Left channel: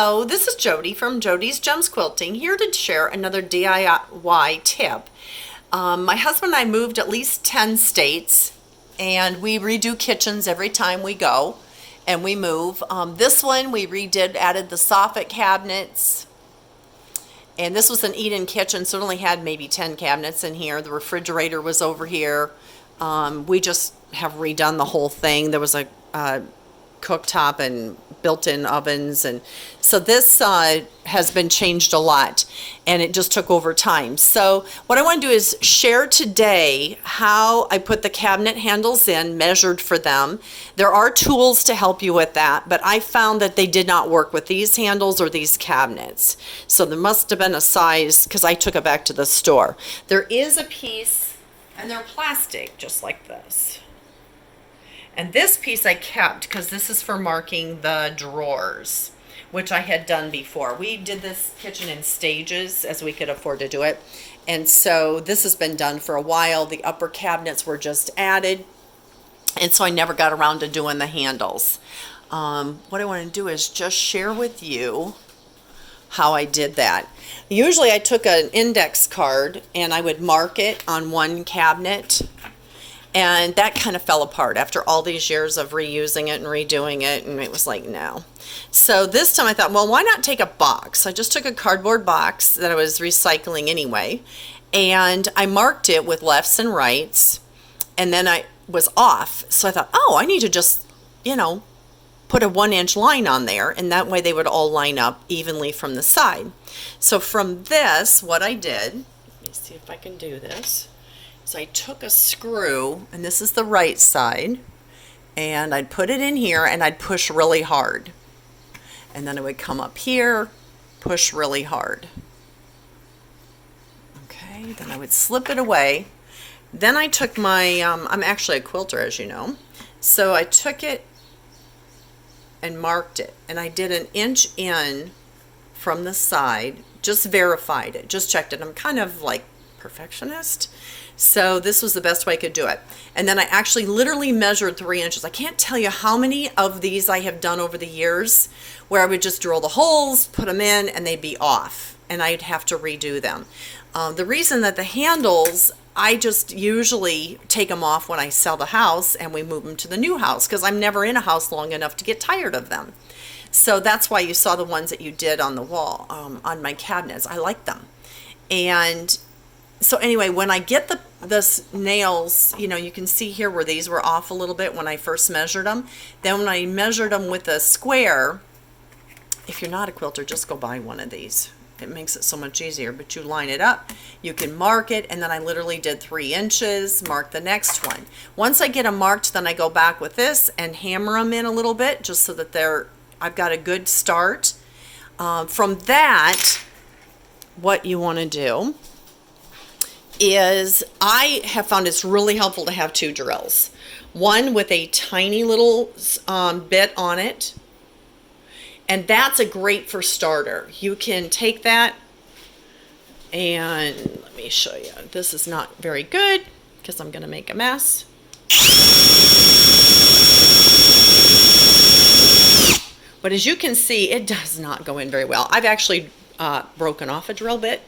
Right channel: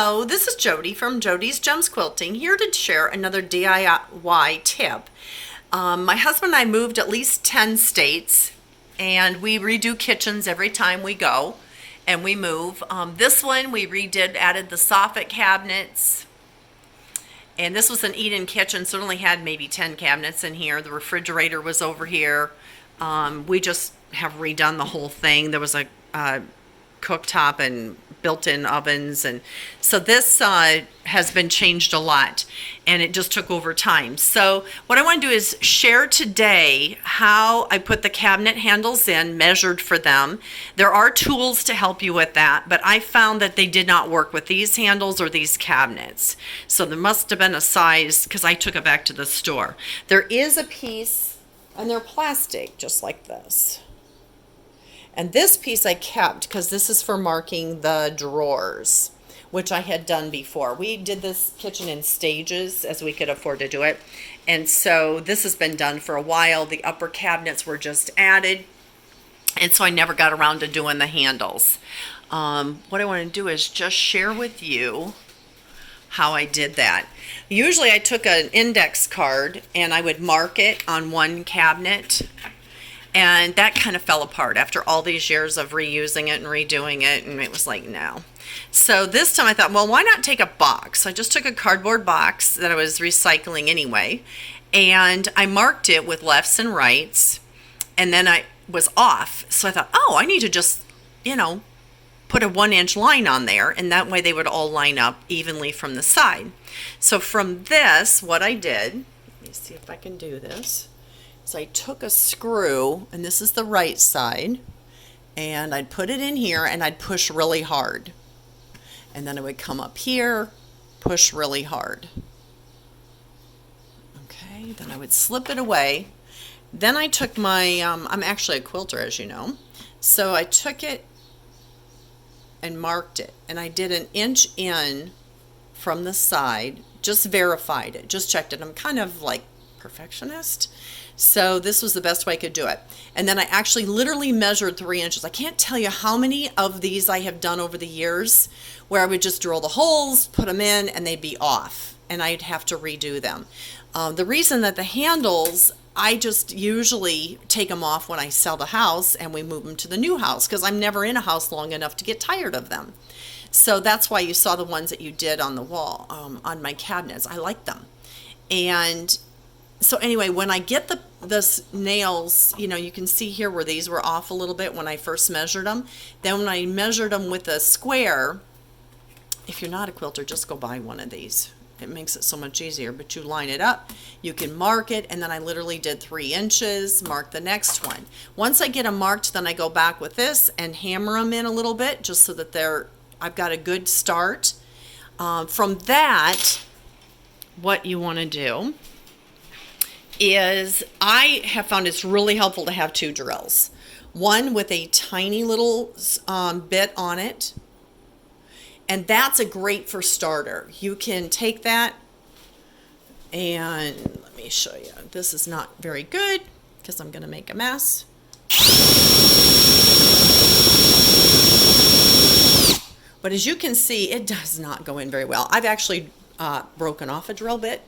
Hello, this is Jody from Jody's Gems Quilting, here to share another DIY tip. My husband and I moved at least 10 states, and we redo kitchens every time we go and we move. This one we redid, added the soffit cabinets, and this was an eat-in kitchen, so it only had maybe 10 cabinets in here. The refrigerator was over here. We just have redone the whole thing. There was a cooktop and built-in ovens, and so this has been changed a lot, and it just took over time. So what I want to do is share today how I put the cabinet handles in, measured for them. There are tools to help you with that, but I found that they did not work with these handles or these cabinets. So there must have been a size, because I took it back to the store. There is a piece, and they're plastic, just like this. And this piece I kept because this is for marking the drawers, which I had done before. We did this kitchen in stages as we could afford to do it. And so this has been done for a while. The upper cabinets were just added. And so I never got around to doing the handles. What I want to do is just share with you how I did that. Usually I took an index card and I would mark it on one cabinet. And that kind of fell apart after all these years of reusing it and redoing it, and it was like, no. So this time I thought, well, why not take a box? So I just took a cardboard box that I was recycling anyway, and I marked it with lefts and rights, and then I was off. So I thought, oh, I need to just, put a 1-inch line on there, and that way they would all line up evenly from the side. So from this, what I did, let me see if I can do this. So I took a screw, and this is the right side, and I'd put it in here and I'd push really hard. And then it would come up here, push really hard. Okay, then I would slip it away. Then I took my, I'm actually a quilter, as you know. So I took it and marked it, and I did 1 inch in from the side, just verified it, just checked it. I'm kind of like perfectionist, so this was the best way I could do it. And then I actually literally measured 3 inches. I can't tell you how many of these I have done over the years where I would just drill the holes, put them in, and they'd be off, and I'd have to redo them. The reason that the handles, I just usually take them off when I sell the house and we move them to the new house, because I'm never in a house long enough to get tired of them. So that's why you saw the ones that you did on the wall, on my cabinets. I like them. And so anyway, when I get the nails, you can see here where these were off a little bit when I first measured them. Then when I measured them with a square, if you're not a quilter, just go buy one of these. It makes it so much easier, but you line it up, you can mark it, and then I literally did 3 inches, mark the next one. Once I get them marked, then I go back with this and hammer them in a little bit, just so that I've got a good start. From that, what you want to do is, I have found it's really helpful to have 2 drills. One with a tiny little bit on it, and that's a great for starter. You can take that, and let me show you. This is not very good because I'm going to make a mess. But as you can see, it does not go in very well. I've actually broken off a drill bit.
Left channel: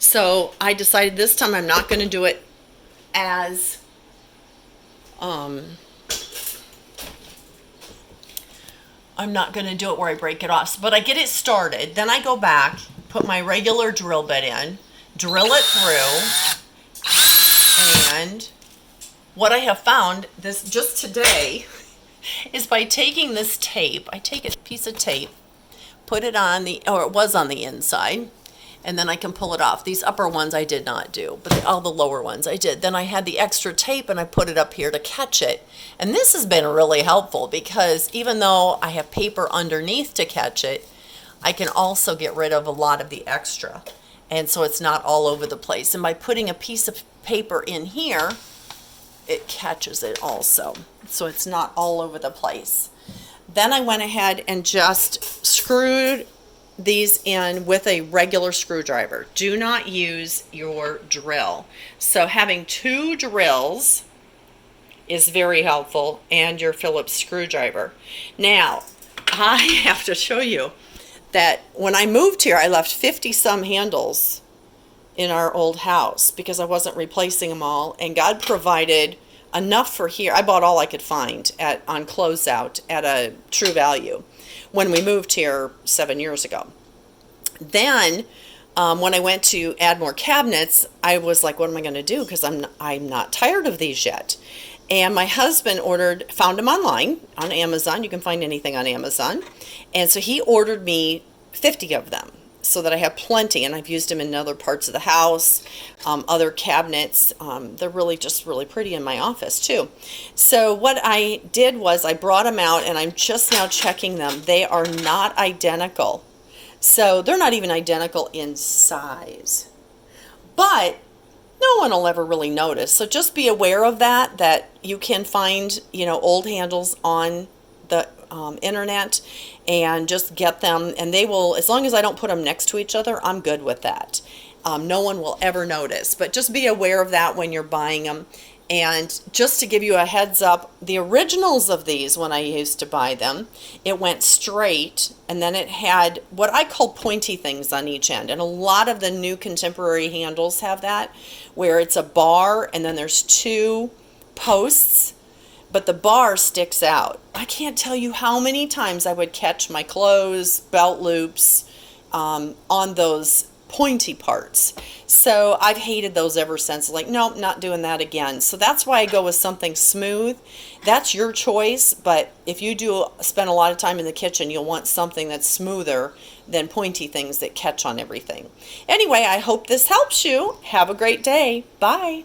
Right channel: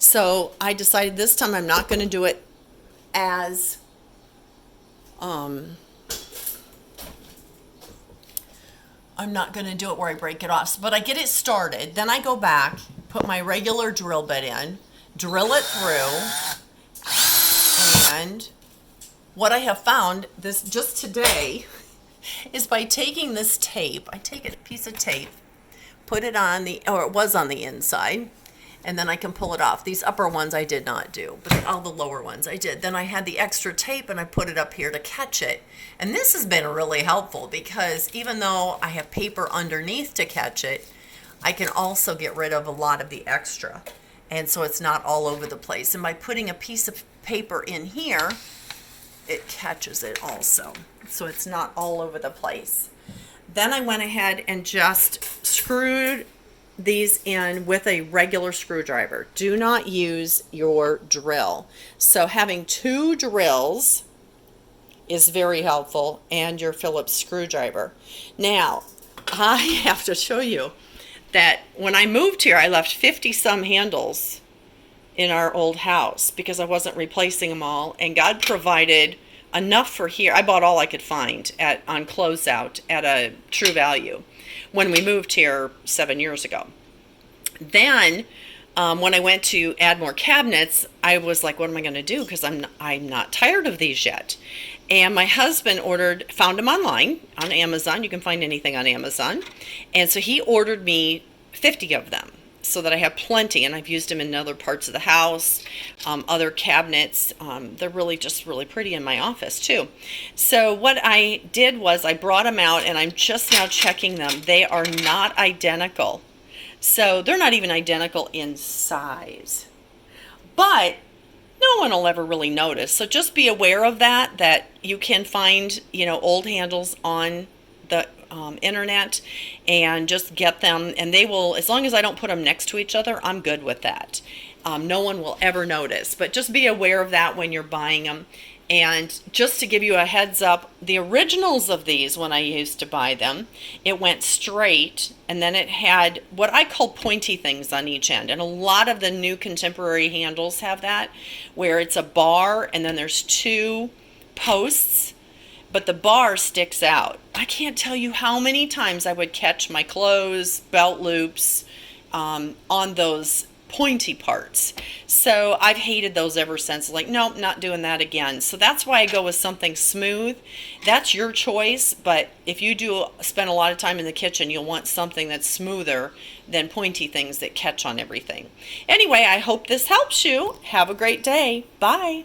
So I decided this time I'm not going to do it as I'm not going to do it where I break it off. But I get it started. Then I go back, put my regular drill bit in, drill it through, and what I have found this just today is by taking this tape, I take a piece of tape, put it on it was on the inside, and then I can pull it off. These upper ones I did not do, but all the lower ones I did. Then I had the extra tape and I put it up here to catch it. And this has been really helpful because even though I have paper underneath to catch it, I can also get rid of a lot of the extra. And so it's not all over the place. And by putting a piece of paper in here, it catches it also. So it's not all over the place. Then I went ahead and just screwed these in with a regular screwdriver. Do not use your drill. So having 2 drills is very helpful, and your Phillips screwdriver. Now, I have to show you that when I moved here, I left 50 some handles in our old house because I wasn't replacing them all, and God provided enough for here. I bought all I could find on closeout at a true value when we moved here 7 years ago. Then when I went to add more cabinets, I was like, what am I going to do? Because I'm not tired of these yet. And my husband found them online on Amazon. You can find anything on Amazon. And so he ordered me 50 of them so that I have plenty. And I've used them in other parts of the house, other cabinets. They're really pretty in my office too. So what I did was I brought them out, and I'm just now checking them. They are not identical. So they're not even identical in size. But no one will ever really notice. So just be aware of that you can find, old handles on the internet, and just get them, and they will, as long as I don't put them next to each other, I'm good with that. No one will ever notice, but just be aware of that when you're buying them. And just to give you a heads up, the originals of these, when I used to buy them, it went straight, and then it had what I call pointy things on each end. And a lot of the new contemporary handles have that, where it's a bar and then there's two posts, but the bar sticks out. I can't tell you how many times I would catch my clothes, belt loops on those pointy parts. So I've hated those ever since. Like, nope, not doing that again. So that's why I go with something smooth. That's your choice, but if you do spend a lot of time in the kitchen, you'll want something that's smoother than pointy things that catch on everything. Anyway, I hope this helps you. Have a great day. Bye.